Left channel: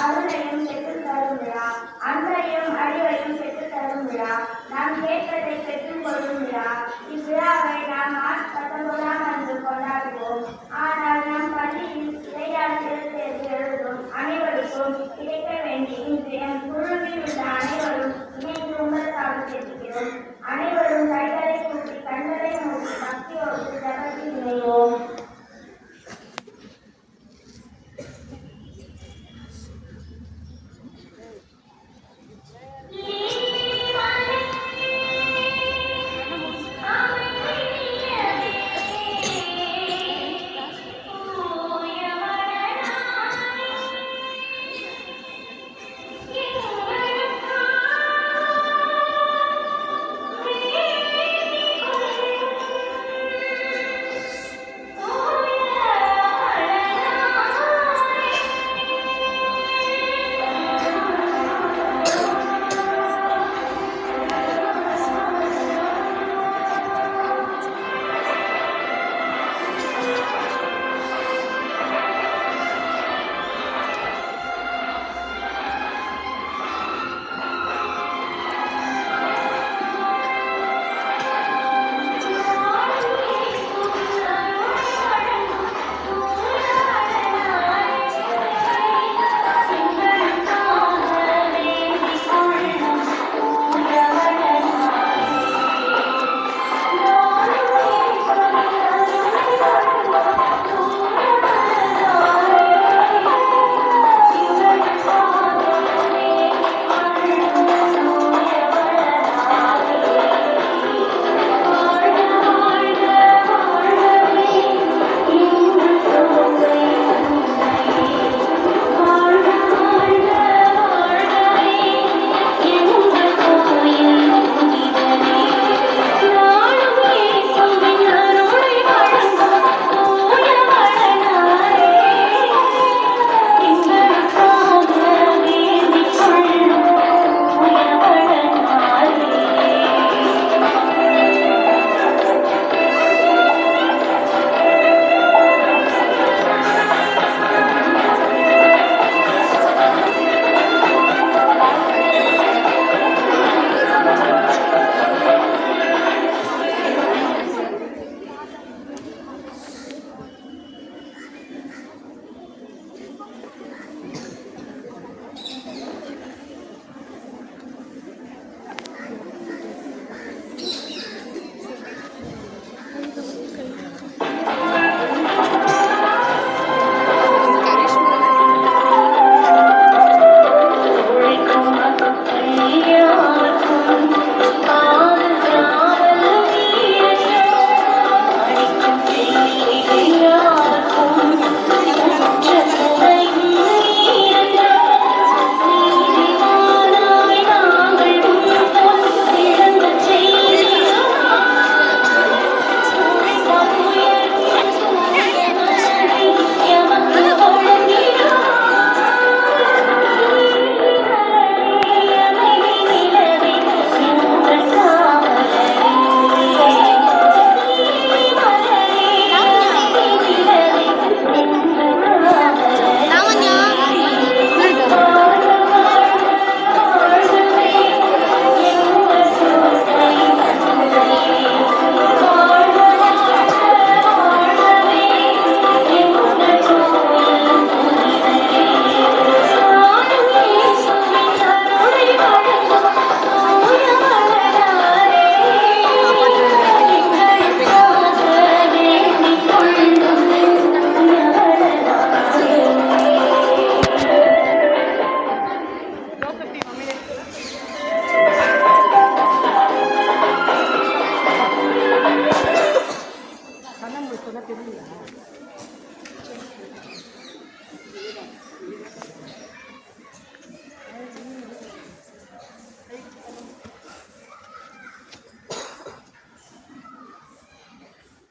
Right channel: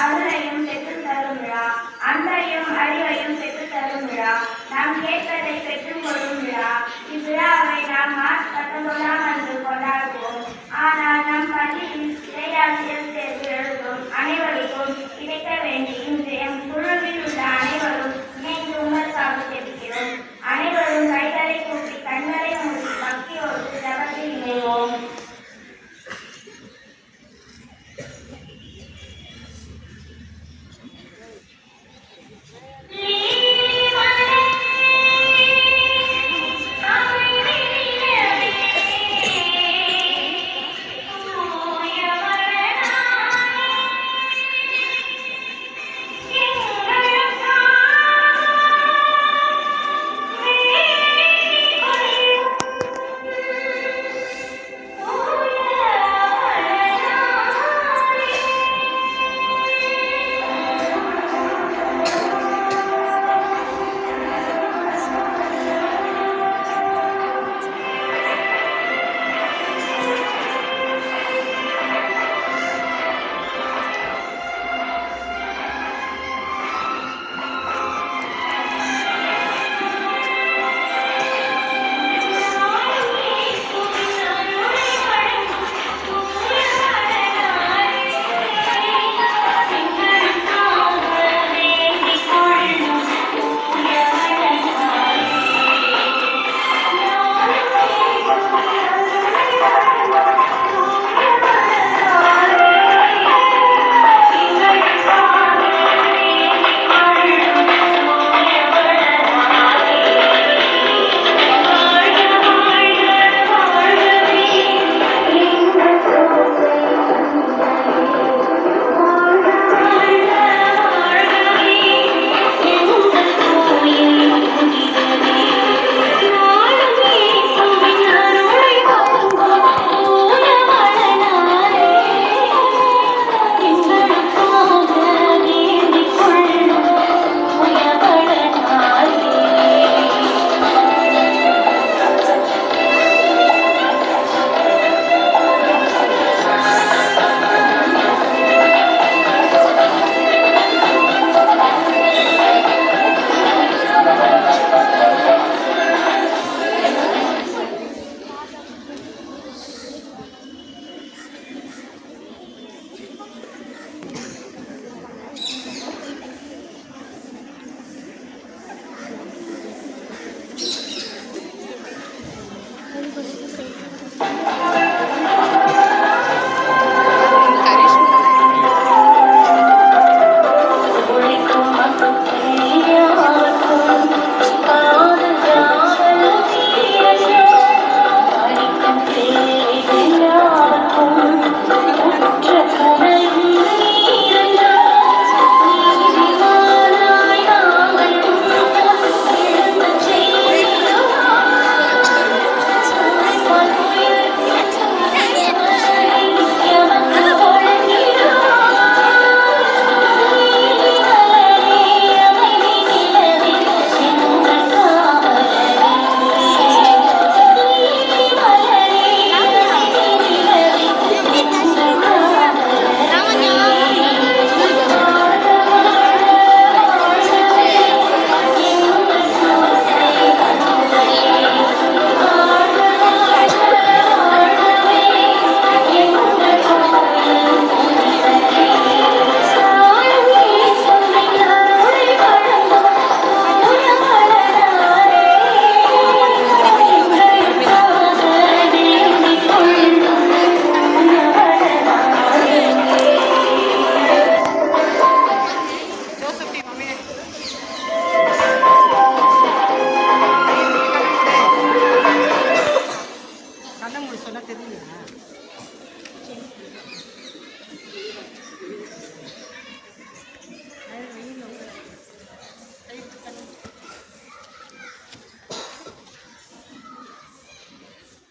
அருளையும் பெற்றுத் தரும் விழா. அன்பையும் அறிவையும் பெற்றுத் தரும் விழா. நாம் கேட்பதை பெற்றுக் கொள்ளும் விழா. இவ்விழாவை நாம் மார்ச் 19 அன்று கொண்டாடுவோம். ஆனால் நம் பள்ளியில் இடையாசிரியர் தேர்வு எழுதும் அனைவருக்கும் கிடைக்க வேண்டி இன்று எம் குழுவில் உள்ள அனைவரும் இணைந்து உங்களுக்காக தெரிவிக்கிறோம். அனைவரும் கைகளை கூப்பி கண்களை மூடி பக்தியோடு ஜபத்தில் இணைவோம்.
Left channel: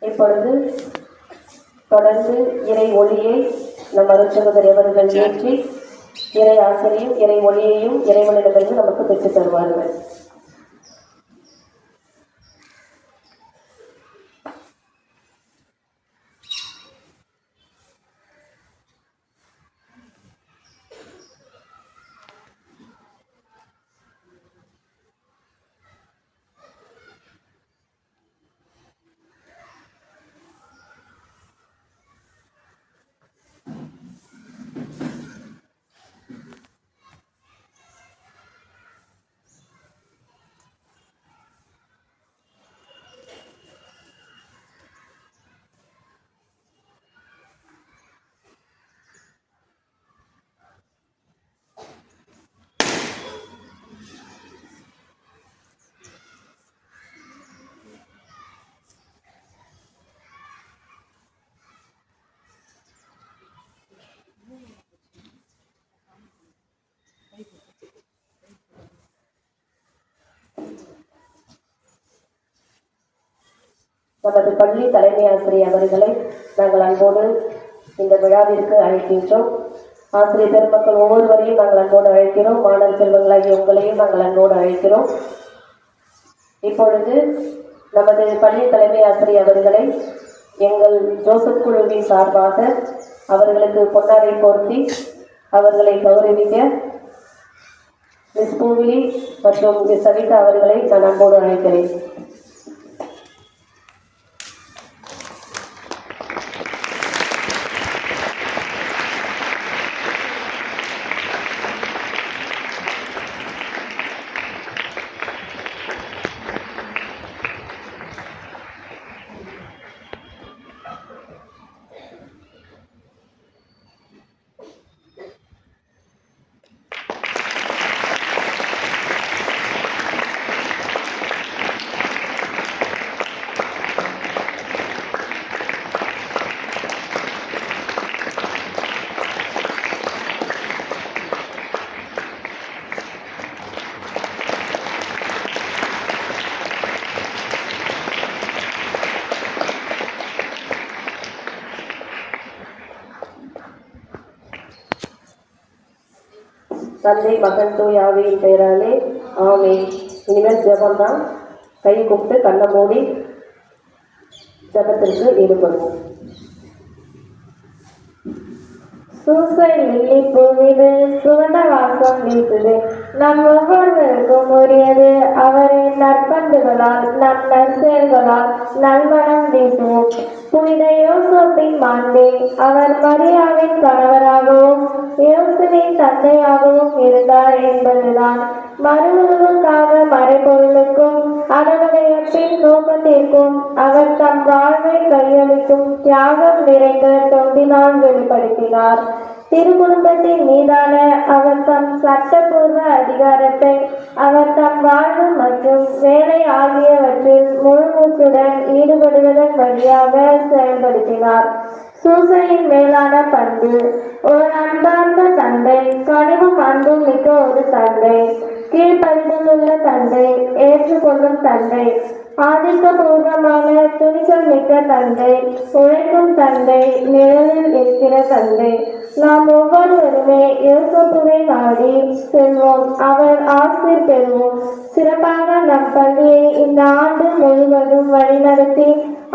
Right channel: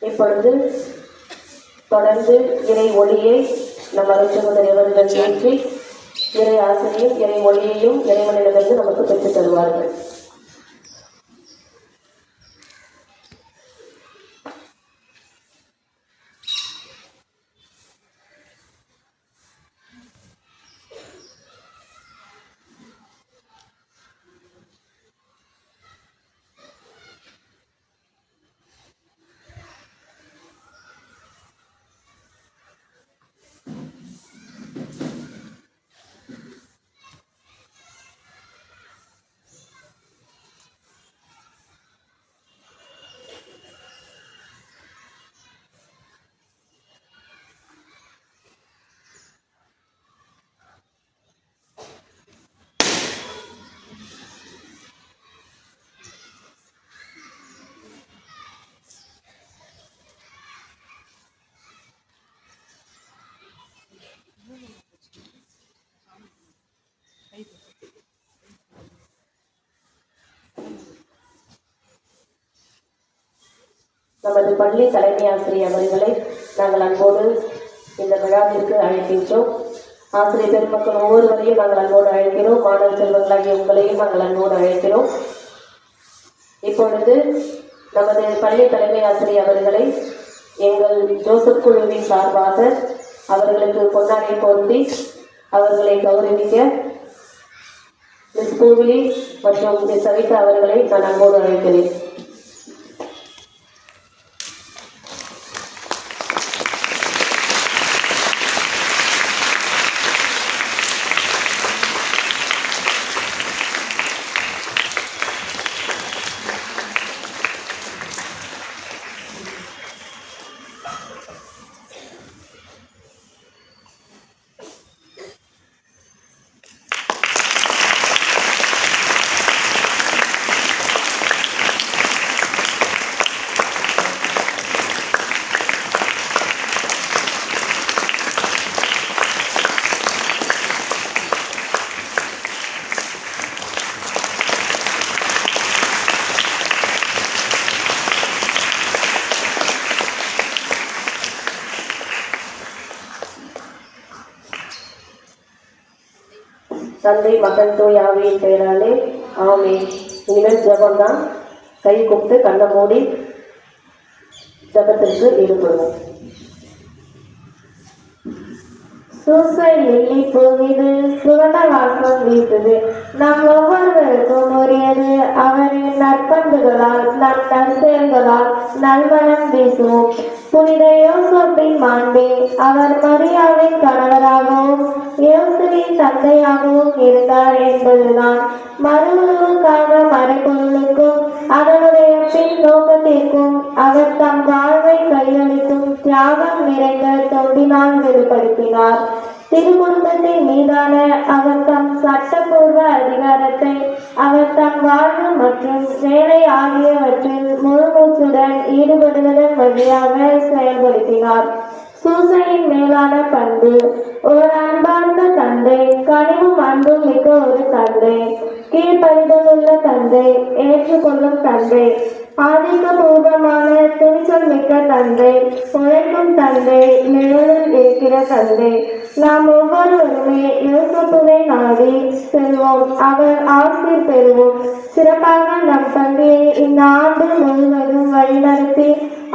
இப்பொழுது தொடர்ந்து இறை ஒளியை நம் அருட்சகோதரி அவர்கள் ஏற்றி இறை ஆசிரியும் இறை ஒளியையும் இறைவனிடமிருந்து நமக்கு பெற்றுத் தருவார்கள். நமது பள்ளி தலைமை ஆசிரியர் அவர்களை நாங்கள் அன்போடு இந்த விழாவிற்கு அழைக்கின்றோம். ஆசிரியர் பெருமக்கள் ஒவ்வொருவரையும் நாங்கள் அன்போடு அழைக்கிறோம். மாணவ செல்வங்களாகிய உங்களையும் நாங்கள் அன்போடு அழைக்கிறோம். இப்பொழுது நமது பள்ளி தலைமை ஆசிரியர் அவர்களை எங்கள் ஜோசப் குழுவின் சார்பாக அவர்களுக்கு பொன்னாடை போர்த்தி அவர்களை கௌரவிக்க மிஸ் பூவிலி மற்றும் மிஸ் சவிதா அவர்களை நான் அன்போடு அழைக்கிறேன். தந்தை மகன் தூய் ஆவியின் பெயராலே ஆமென். இனிமேல் ஜபம்தான். கை கூப்பிட்டு கண்ணை மூடி ஜபத்திற்கு ஈடுபடுவோம். சூசை லில்லி பூவிது சுகந்த வாசம் வீசுது. நம் ஒவ்வொருவருக்கும் உரியது அவரின் நற்பண்புகளால் நம் நற்செயல்களால் நல்மனம் வீசுவோம். புனித யோசேப்பின் மாண்பே அவர் மரியாவின் கணவராகவும் யோசேப்பின் தந்தையாகவும் இருந்தார் என்பதுதான். மறுவுருவுக்காக மறைபொருளுக்கும் அதனுடைய பின் நோக்கத்திற்கும் அவர் தம் வாழ்வை கையளிக்கும் தியாகம் நிறைந்த தொண்டினால் வெளிப்படுத்தினார். திருக்குடும்பத்தின் மீதான அவர் தம் சட்டப்பூர்வ அதிகாரத்தை அவர் தம் வாழ்வு மற்றும் வேலை ஆகியவற்றில் முழுமூச்சுடன் ஈடுபடுவதன் வழியாக செயல்படுத்தினார். சூசையின் மேலான பண்பு ஒரு அன்பார்ந்த தந்தை, கனிவும் அன்பும் மிக்க ஒரு தந்தை, கீழ்ப்படிதலுள்ள தந்தை, ஏற்றுக்கொள்ளும் தந்தை, ஆதிக்கபூர்வமான துணிச்சல் மிக்க தந்தை, உழைக்கும் தந்தை, நிழலில் இருக்கிற தந்தை. நாம் ஒவ்வொருவருமே யோசேப்புவை நாடி செல்வோம், அவர் ஆசீர் பெறுவோம். சிறப்பாக நம் பள்ளியை இந்த ஆண்டு முழுவதும் வழிநடத்தி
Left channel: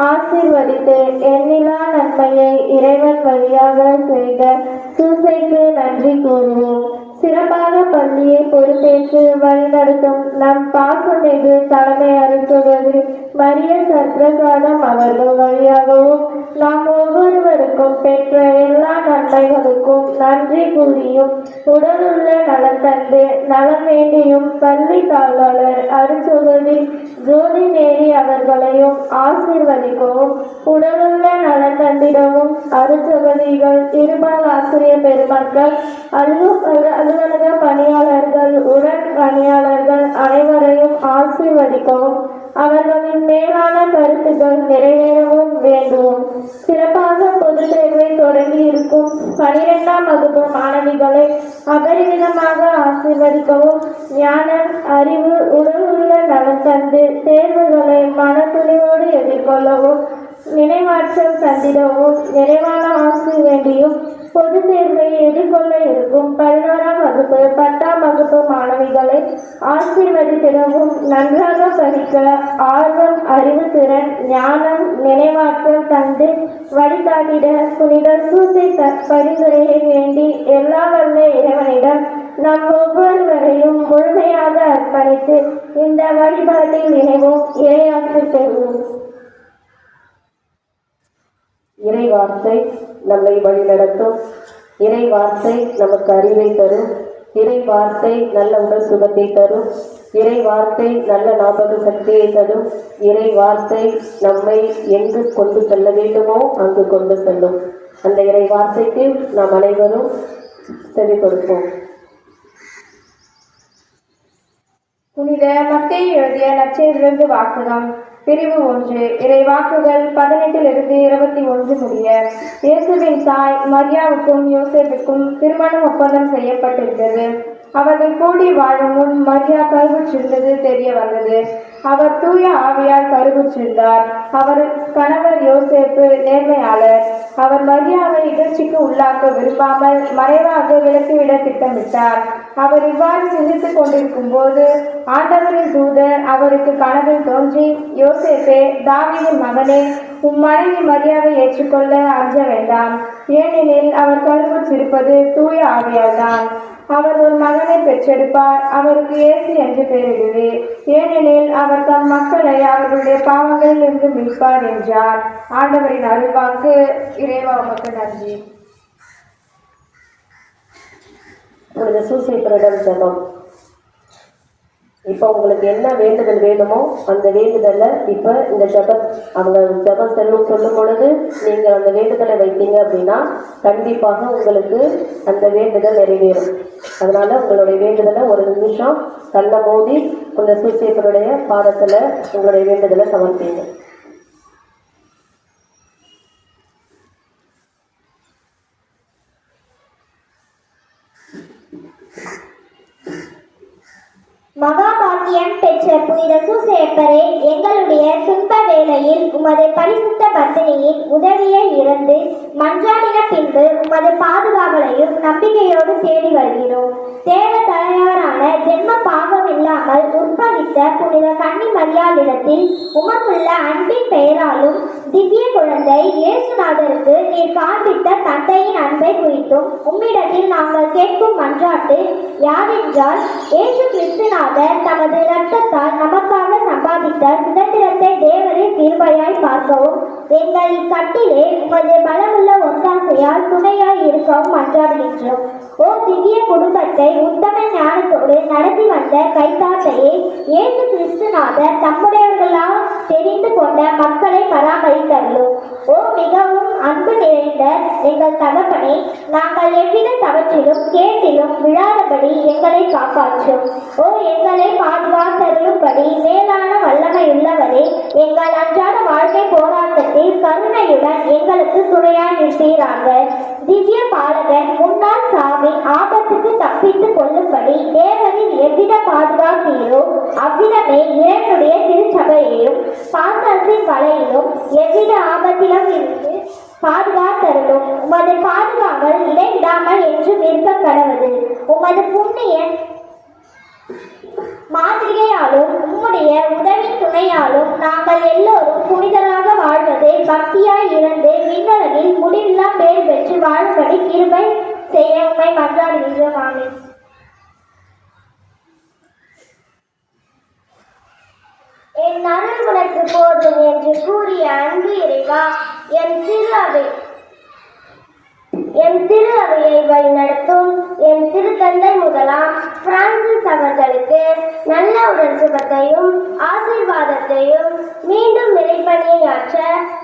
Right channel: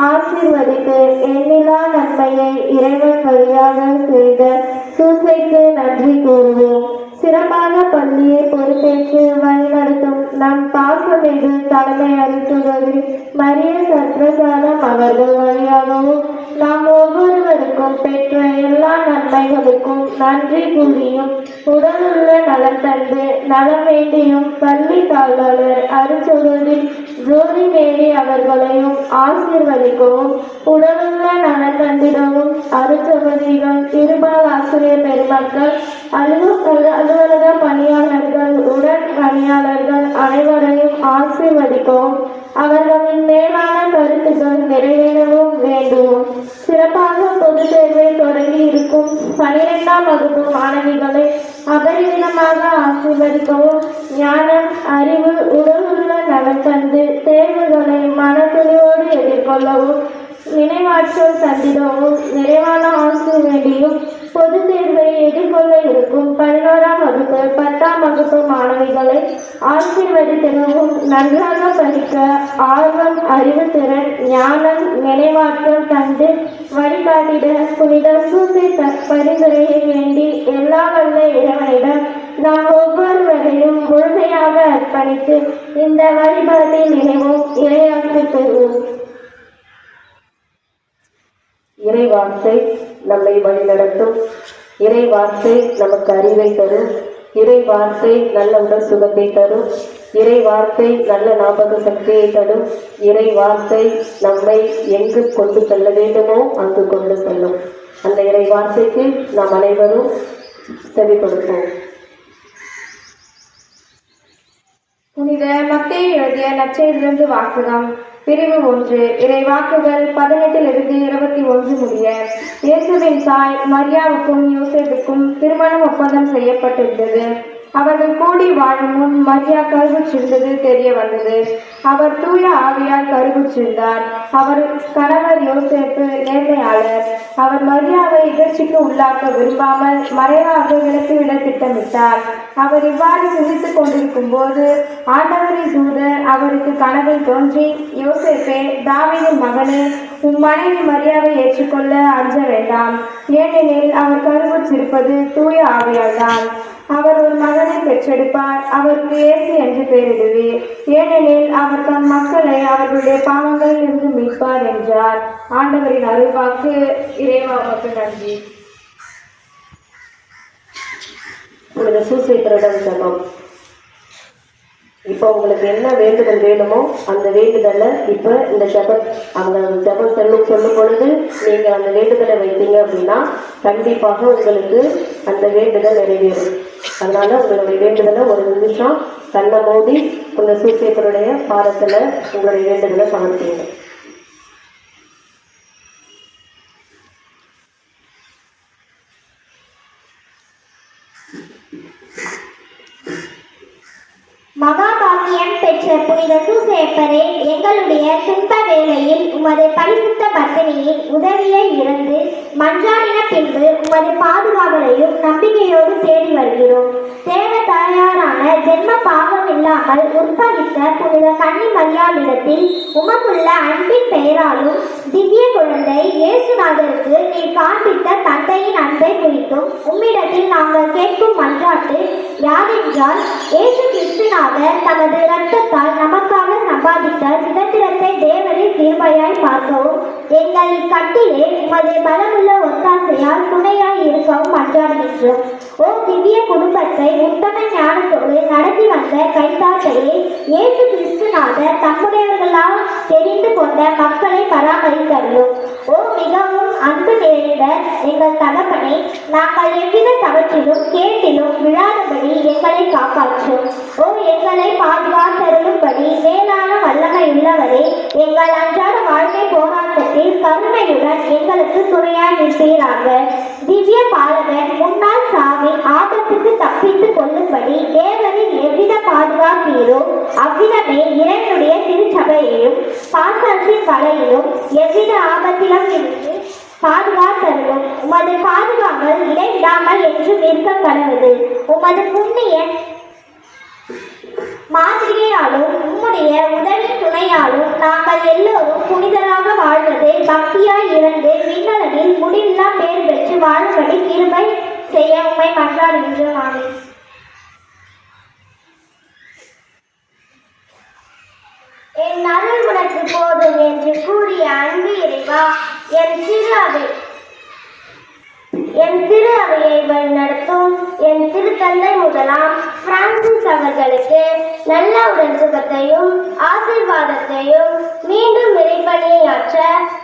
ஆசீர்வதித்து எண்ணிலா நன்மையை இறைவன் வழியாக செய்த சூசைக்கு நன்றி கூறுவோம். சிறப்பாக பள்ளியை பொறுப்பேற்று வழிநடத்தும் நம் பாசமிகு தலைமை அருட்சகோதரி மரிய சத்ரசாதம் அவர்கள் வழியாகவும் நாம் ஒவ்வொருவருக்கும் பெற்ற எல்லா நன்மைகளுக்கும் நன்றி கூறியும் உடலுள்ள நலம் தந்து நலம் வேண்டியும் பள்ளி காவலர் அருட்சகோதரி ஜோதி மேரி அவர்களையும் ஆசீர்வதிக்கவும் உடலுள்ள நலம் தந்திடவும் அருட்சகோதரிகள் திருபால் ஆசிரியர் பெருமக்கள் அலுவலக பணியாளர்கள் உடன் பணியாளர்கள் அனைவரையும் ஆசீர்வதிக்கவும் அவர்களின் மேலான கருத்துக்கள் நிறைவேறவும் வேண்டுவோம். சிறப்பாக பொதுத் தேர்வை தொடங்கி இருக்கும் 12ஆம் வகுப்பு மாணவிகளை அபரிமிதமாக ஆசீர்வதிக்கவும் ஞானம், அறிவு, உடலுள்ள நலம் தந்து தேர்வுகளை மனத்துணிவோடு எதிர்கொள்ளவும் நினைவாற்றல் தந்திடவும் நிறைவான ஆசிர் வேண்டியும் பொது தேர்வை எதிர்கொள்ள இருக்கும் 11ஆம் வகுப்பு 10ஆம் வகுப்பு மாணவிகளை ஆசீர்வதித்திடவும் நன்றாக படிக்க ஆர்வம், அறிவுத்திறன், ஞானம், நினைவாற்றல் தந்து வழிகாட்டிட புனித சூசை பரிந்துரையை வேண்டி எல்லா வல்ல இறைவனிடம் நாம் ஒவ்வொருவரையும் முழுமையாக அர்ப்பணித்து இந்த வழிபாட்டில் நினைவும் இறையாசிர் பெறுவோம். இறை வார்த்தை நம்மை வழிநடத்தும். இறை வார்த்தை நமக்கு அறிவை தரும். இறை வார்த்தை நல்ல உடல் சுகத்தை தரும். இறை வார்த்தை நல்ல ஞாபக சக்தியை தரும். இறை வார்த்தை நம்மை எங்கு கொண்டு செல்ல வேண்டுமோ அங்கு கொண்டு செல்லும். அந்த இறை வார்த்தைக்கு நாம் அனைவரும் செவி கொடுப்போம். புனித மத்தேயு எழுதிய நற்செய்தியிலிருந்து வாசகம். பிரிவு 1. இறைவாக்குகள் 18 21 முடிய. இயேசுவின் தாய் மரியாவுக்கும் யோசேப்புக்கும் திருமணம் ஒப்பந்தம் செய்யப்பட்டிருந்தது. அவர்கள் கூடி வாழும் முன் மரியா கருவுற்றிருந்தது தெரிய வந்தது. அவர் தூய ஆவியால் கருவுற்றிருந்தார். அவர் கணவர் யோசேப்பு நேர்மையாளர். அவர் மரியாவை இகழ்ச்சிக்கு உள்ளாக்க விரும்பாமல் மறைவாக விலக்கிவிட திட்டமிட்டார். அவர் இவ்வாறு சிந்தித்துக் கொண்டிருக்கும் போது ஆண்டவரின் தூதர் அவருக்கு கனவில் தோன்றி, யோசேப்பே, தாவீதின் மகனே, உம் மனைவி மரியாவை ஏற்றுக்கொள்ள அஞ்ச வேண்டாம். ஏனெனில் அவர் கருவுற்றிருப்பது தூய ஆவியால் தான். அவர் ஒரு மகனை பெற்றெடுப்பார். அவருக்கு இயேசு என்று பெயரிடுவே. ஏனெனில் அவர் தம் மக்களை அவர்களுடைய பாவங்களிலிருந்து மீட்பார் என்றார். ஆண்டவரின் அருள்வாக்கு. இறைவா உமக்கு நன்றி. புனித சூசையப்பரிடம் ஜெபம். இப்போ உங்களுக்கு என்ன வேண்டுதல் வேணுமோ அந்த வேண்டுதலை இப்போ இந்த அவங்க ஜெபம் சொல்லும் பொழுது நீங்கள் அந்த வேண்டுதலை வைத்தீங்க அப்படின்னா கண்டிப்பாக உங்களுக்கு அந்த வேண்டுதல் நிறைவேறும். அதனால உங்களுடைய வேண்டுதலை ஒரு நிமிஷம் கண்ணை மூடி இந்த சூசையப்பருடைய பாதத்தில் உங்களுடைய வேண்டுதலை சமர்ப்பீங்க. மகாபாக்கியம் பெற்ற புனித சூசையப்பரே, எங்களுடைய துன்ப வேளையில் உமது பரிசுத்த பத்தினியின் உதவியை இறந்து மன்றாடின பின்பு உமது பாதுகாவலையும் நம்பிக்கையோடு தேடி வருகிறோம். தேவ தாயாரான ஜென்ம பாவம் இல்லாமல் உற்பவித்த புனித கன்னி மரியாளிடத்தில் உமக்குள்ள அன்பின் பெயராலும் திவ்ய குழந்தை இயேசுநாதருக்கு நீர் காண்பித்த தந்தையின் அன்பை குறித்தும் உம்மிடத்தில் நாங்கள் கேட்கும் மன்றாட்டு யாதென்றால், இயேசு கிறிஸ்துநாதர் தமது இரத்தத்தால் நமக்காக சம்பாதித்த சுதந்திரத்தை தேவரின் கிருபையாய் பார்க்கவும், எங்கள் இக்கட்டிலே உமது பலமுள்ள ஒத்தாசையால் துணையாய் இருக்கவும் மன்றாடுகின்றோம். ஓ திவ்ய குடும்பத்தை உத்தம ஞானத்தோடு நடத்தி வந்த கைத்தாட்டையே, இயேசு கிறிஸ்துநாதர் தம்முடையவர்களால் தெரிந்து கொண்ட மக்களை பராமரித்தருளும். ஓ மிகவும் அன்பு நிறைந்த எங்கள் தகப்பனை, நாங்கள் எவ்வித தவற்றிலும் கேட்டிலும் விழாதபடி எங்களை காப்பாற்றும். ஓ எங்களை பாதுகாத்தருளும்படி மேலான வல்லமையுள்ளவரே, எங்கள் அன்றாட வாழ்க்கை போராட்டத்தில் கருணையுடன் எங்களுக்கு துணையாய் நிற்பீராக. திவ்ய பாலகன் முன்னாள் சாமி ஆபத்துக்கு தப்பித்துக் கொள்ளும்படி தேவரின் எவ்வித பாதுகாப்பீரோ அவ்விதமே இறைவனுடைய திருச்சபையையும் பாசத்தின் கலையிலும் எவ்வித ஆபத்திலும் இருந்து பாதுகாத்தருளும். உமது பாதுகாவல் இடைவிடாமல் என்று நிற்க கடவுது. உமது புண்ணிய மாதிரியாலும் உம்முடைய உதவி துணையாலும் நாங்கள் எல்லோரும் புனிதராக வாழ்வதை பக்தியாய் இருந்து விண்ணுலகில் முடிவில்லா பேர் பெற்று வாழும்படி கிருபை செய்ய உம்மை மன்றாடுகின்றோம். ஆமென். என் அருள் உனக்கு போதும் என்று கூறிய அன்பு இறைவா, என் திரு அவையை வழிநடத்தும் என் திருத்தந்தை முதலாம் பிரான்சிஸ் அவர்களுக்கு நல்ல உடல் சுகத்தையும் ஆசீர்வாதத்தையும் மீண்டும் இறைப்பணியாற்ற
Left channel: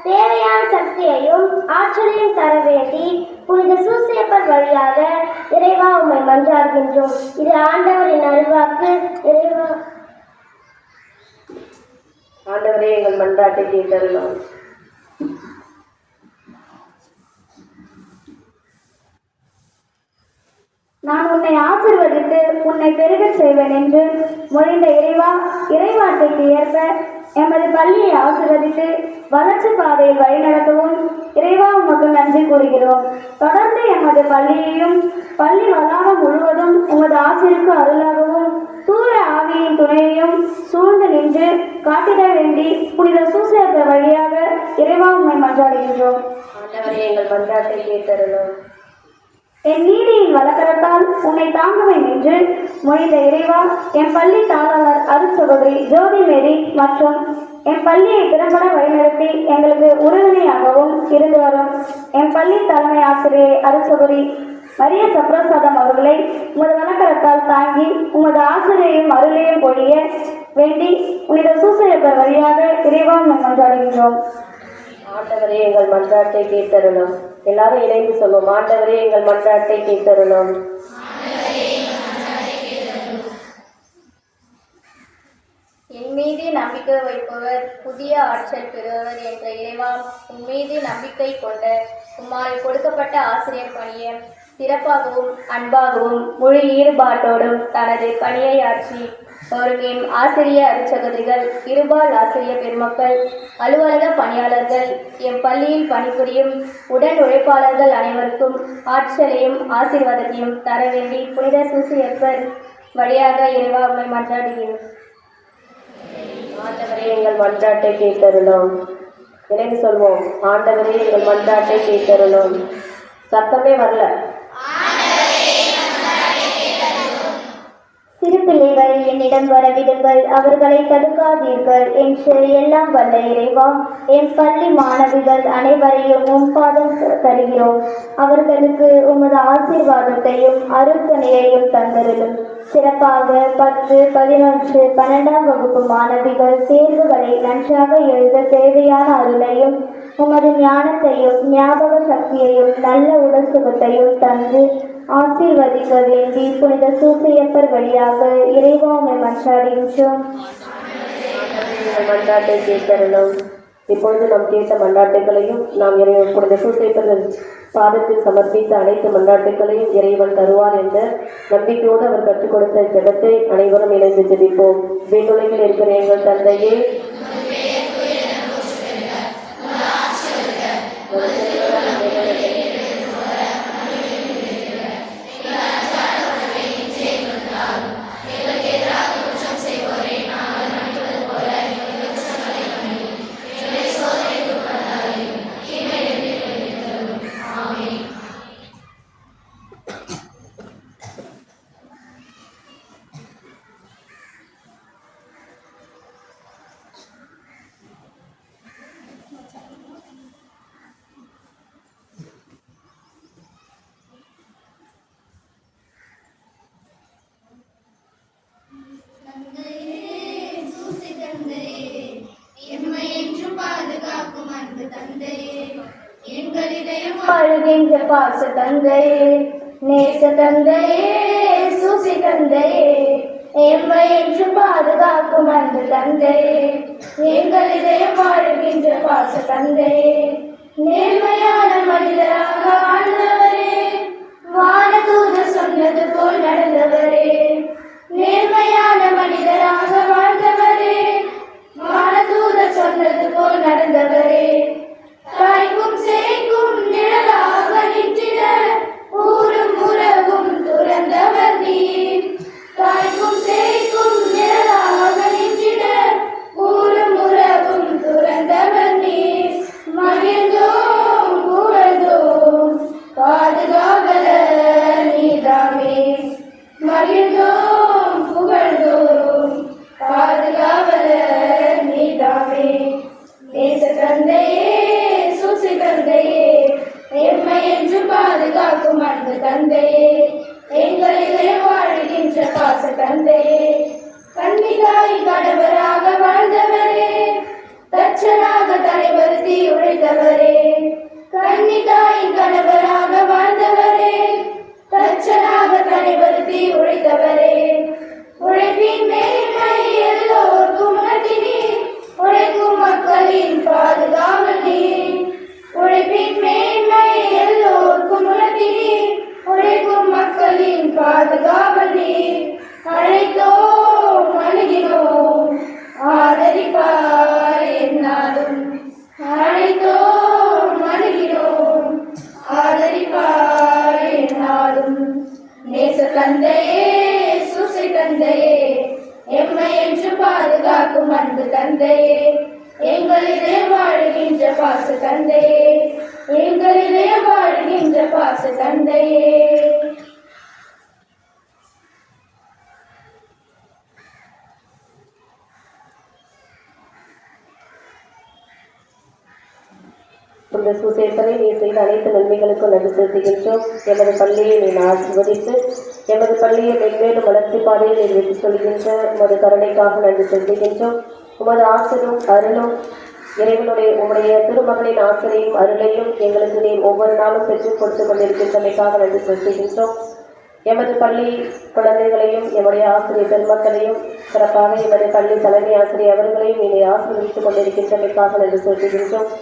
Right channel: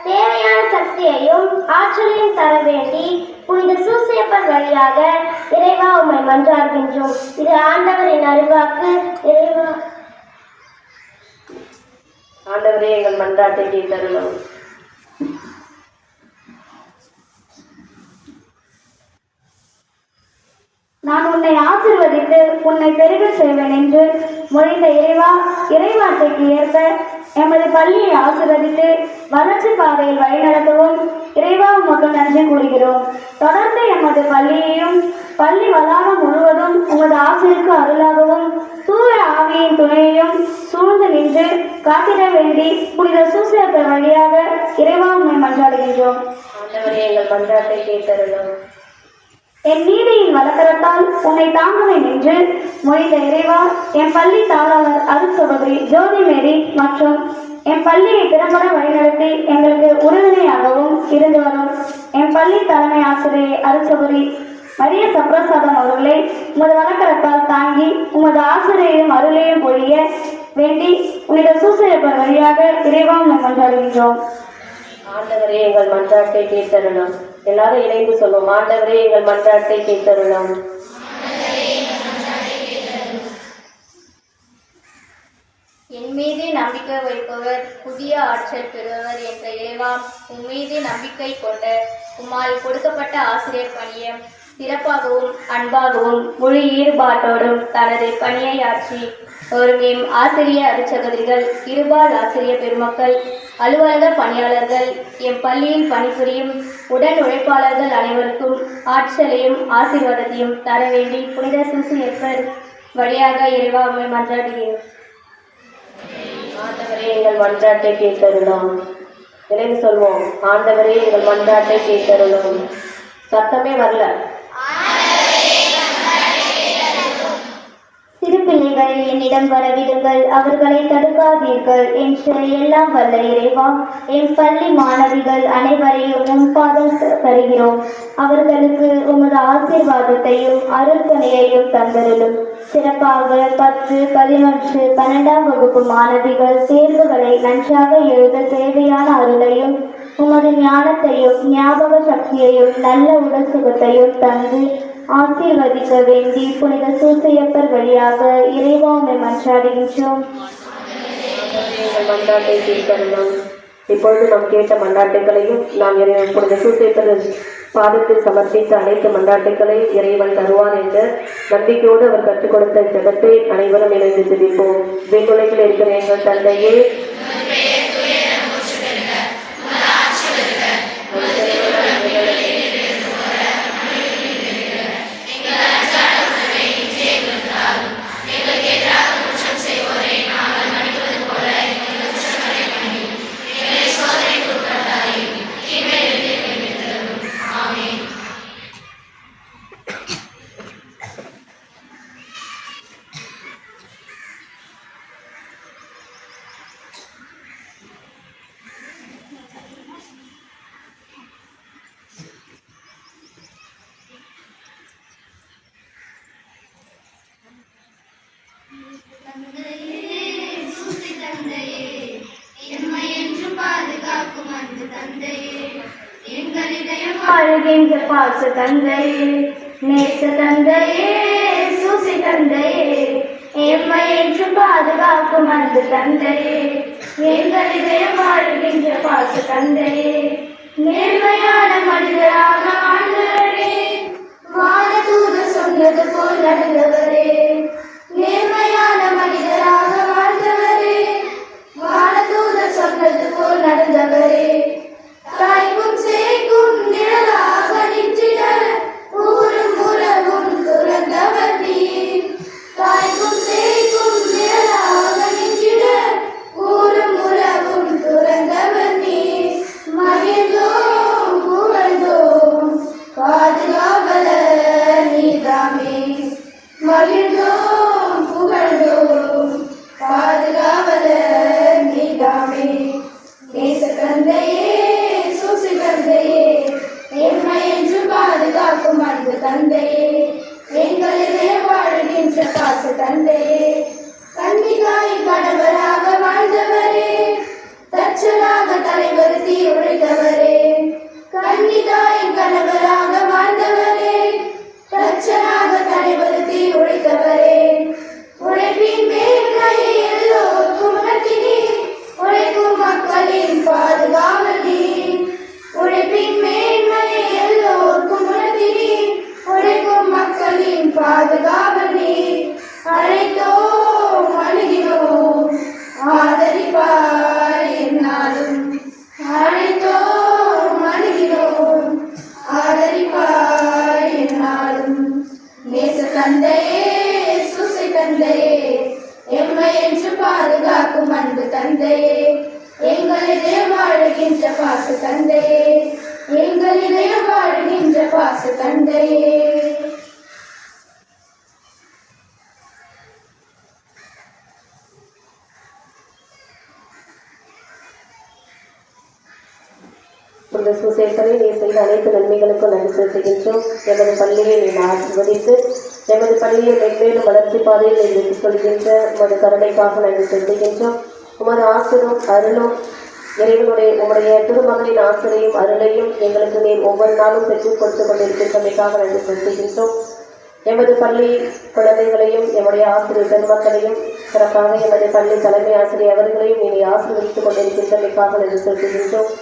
தேவையான சக்தியையும் ஆற்றலையும் தர வேண்டி புனித சூசையப்பர் வழியாக இறைவா உம்மை மன்றாடுகின்றோம். இது ஆண்டவரின் அருள்வாக்கு. இறைவா ஆண்டவரே, எங்கள் மன்றாட்டை கேட்டருளும். நான் உன்னை ஆசீர்வதித்து உன்னை பெருக செய்வேன் என்று மொழிந்த இறைவா, இறைவார்த்தைக்கு ஏற்ப எமது பள்ளியை ஆசீர்வதித்து வளர்ச்சி பாதையில் வழிநடத்தவும் இறைவா உமக்கு நன்றி கூறுகிறோம். தொடர்ந்து எமது பள்ளியையும் பள்ளி வளாகம் முழுவதும் உமது ஆசிரியருக்கு அருளாகவும் தூய ஆவியின் துணையையும் சூழ்ந்து நின்று காத்திட வேண்டி புனித சூசையப்பர் வழியாக இறைவா உம்மை மன்றாடுகின்றோம். ஆண்டவரே, எங்கள் மன்றாட்டை கேட்டருளும். என் நீதியின் வழக்கரத்தால் உன்னை தாங்குவேன் என்று மொழிந்த இறைவா, என் பள்ளி தாளாளர் அருட்சகோதரி ஜோதி மேரி மற்றும் என் பள்ளியை திறம்பட வழிநடத்தி எங்களுக்கு உறுதுணையாகவும் இருந்து வரும் என் பள்ளி தலைமை ஆசிரியை அருட்சகோதரி மரிய சப்ரசாதம் அவர்களை உமது வழக்கரத்தால் தாங்கி உமது ஆசிரியையும் அருளையும் பொழிய வேண்டி புனித சூசையப்பர் வழியாக இறைவா உம்மை மன்றாடுகின்றோம். ஆண்டவரே, எங்கள் மன்றாட்டை கேட்டருளும். எல்லாரும் இணைந்து சொல்லுவோம். ஆண்டவரே, எங்கள் மன்றாட்டை கேட்டருளும். என் மீது நம்பிக்கை வைப்பவர் புதிய ஆற்றல் பெறுவர் என்ற இறைவா, உன் மீது நம்பிக்கை கொண்ட உம்மால் கொடுக்கப்பட்ட ஆசிரியர் பணியை சிறப்பாகவும் அன்பாகவும் முழு ஈடுபாட்டோடும் தனது பணியை ஆற்றி வரும் எம் ஆசிரிய அருட்சகோதரிகள், இருபால் ஆசிரிய பெருமக்கள், அலுவலக பணியாளர்கள், எம் பள்ளியில் பணிபுரியும் உடன் உழைப்பாளர்கள் அனைவருக்கும் ஆற்றலையும் ஆசீர்வாதத்தையும் தர வேண்டி புனித சூசியப்பர் வழியாக இறைவா உம்மை மன்றாடுகிறோம். ஆண்டவரே எங்கள் மன்றாட்டை கேட்டருளும். நினைவு சொல்வோம், ஆண்டவரே எங்கள் மன்றாட்டை கேட்டருளும். சத்தமே வரல. சிறு பிள்ளைகளை என்னிடம் வரவிடுங்கள், அவர்களை தடுக்காதீர்கள் என்று எல்லாம் வல்ல இறைவா, என் பள்ளி மாணவிகள் அனைவரையும் உன் பாதம் தருகிறோம். அவர்களுக்கு உமது ஆசீர்வாதத்தையும் அருள்துணையையும் தந்தருளும். சிறப்பாக 10, 11, 12ஆம் வகுப்பு மாணவிகள் தேர்வுகளை நன்றாக எழுத தேவையான அருளையும் உமது ஞானத்தையும் ஞாபக சக்தியையும் நல்ல உடல் சுகத்தையும் தந்து ஆசீர்வதிக்க வேண்டி புனித சூசையப்பர் வழியாக இறைவா உம்மை மன்றாடுகின்றோம். மன்றாட்டை கேட்கணும். இப்பொழுது நாம் கேட்ட மன்றாட்டுகளையும் நாம் புனித சூசையப்பர் பாதத்தில் சமர்ப்பித்த அனைத்து மன்றாட்டுகளையும் இறைவன் தருவார் என்ற நம்பிக்கையோடு அவர் கற்றுக் கொடுத்த ஜெபத்தை அனைவரும் இணைந்து ஜெபிப்போம். வேண்டுலையில் இருக்கிற எங்கள் தந்தையே, அழுகின்ற பாச தந்தையே, நேச தந்தையே, சூசி தந்தையே, எம்மை என்று பாதுகாக்கும் அன்பு தந்தையே, எங்கள் இதயம் அழுகின்ற பாச தந்தையே, நேர்மையான மனிதராக வாழ்ந்தவரே, வானதூது சொன்னது போல் நடந்தவரே, நேர்மையான மனிதராக வாழ்ந்தவரே, வானதூது சொன்னது போல் நடந்தவரே, தாய்க்கும் சேய்க்கும் நிழலாக நின்றிட ஊரும் உறவும் துறந்தவர் நீர். தாய்க்கும் சேய்க்கும் நிழலாக நின்றிட ஊரும் உறவும் துறந்தவர் நீர். மகிழ்ந்தோம் புகழ்ந்தோம் பாதுகாவலர் நீதாமே. மகிழ்ந்தோம் புகழ்ந்தோம் பாதுகாவலர் நீதாமே. நேச தந்தையே, சூசி தந்தையே, எம்மை என்று பாதுகாக்கும் அன்பு தந்தையே, எங்களிலே வாழ்கின்ற பாச தந்தையே, கன்னிகாயின் கணவராக வாழ்ந்தவரே, தச்சனாக தலைவருத்தி உழைத்தவரே, கன்னிகாயின் கணவராக வாழ்ந்தவரே, தச்சனாக தலைவருத்தி உழைத்தவரே, உழைப்பின் மேன்மை எல்லோருக்கும் உணர்த்தினீர். உழைக்கும் மக்களின் பாதுகாவல் நீர். உழைப்பின் மேன்மை எல்லோருக்கும் உணர்த்தினீர். உழைக்கும் மக்களின் பாதுகாவல் நீர். அழைத்தோம் அணுகினோம் ஆதரிப்பார் என்னாலும். அழைத்தோம் அணுகினோம் ஆதரிப்பார் என்னாலும். நேச தந்தையே, சூசை தந்தையே, எம்மை என்று பாதுகாக்கும் அன்பு தந்தையே, எங்களிலே வாழ்கின்ற பாச தந்தையே, எங்களிலே வாழ்கின்ற பாச தந்தையே. இந்த சூசேசனை நீ செய்த அனைத்து நன்மைகளுக்கும் நன்றி செலுத்துகின்றோம். எமது பள்ளியை நீ ஆசீர்வதித்து எமது பள்ளியை மென்மேலும் வளர்ச்சி பாதையில் நீ வெற்றி சொல்கின்ற உமது கருணைக்காக நன்றி செலுத்துகின்றோம். உமது ஆசிரும் அருளும் உம்முடைய திருமகனின் ஆசிரியும் அருளையும் எங்களுக்கு நீர் ஒவ்வொரு நாளும் பெற்றுக் கொடுத்து கொண்டிருக்கின்றமைக்காக நன்றி செலுத்துகின்றோம். எமது பள்ளி குழந்தைகளையும் எம்முடைய ஆசிரியர் பெருமக்களையும் சிறப்பாக எமது பள்ளி தலைமை ஆசிரியர் அவர்களையும் நீ ஆசீர்வதித்துக் கொண்டிருக்கின்றமைக்காக நன்றி செலுத்துகின்றோம்.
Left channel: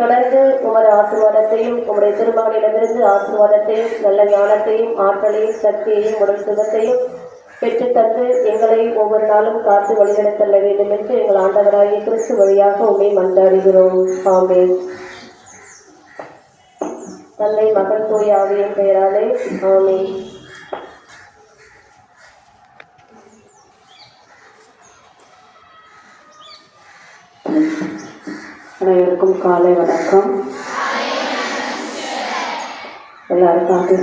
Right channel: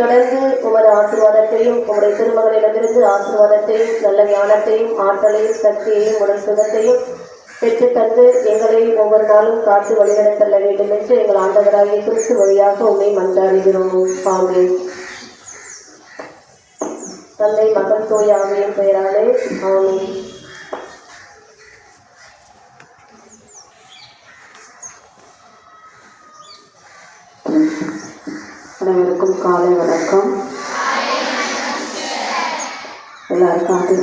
தொடர்ந்து உமது ஆசீர்வாதத்தையும் உம்முடைய திருமகளிடமிருந்து ஆசீர்வாதத்தையும் நல்ல ஞானத்தையும் ஆற்றலையும் சக்தியையும் உடல் சுகத்தையும் பெற்றுத்தந்து எங்களை ஒவ்வொரு நாளும் காத்து வழிநடத்தள்ள வேண்டும் என்று எங்கள் ஆண்டவராகிய கிறிஸ்து வழியாக உண்மை மன்றாடுகிறோம். ஆமென். தந்தை மகன் தூய ஆவியின் பெயராலே ஆமென். அனைவருக்கும் காலை வணக்கம். எல்லாரும் காத்து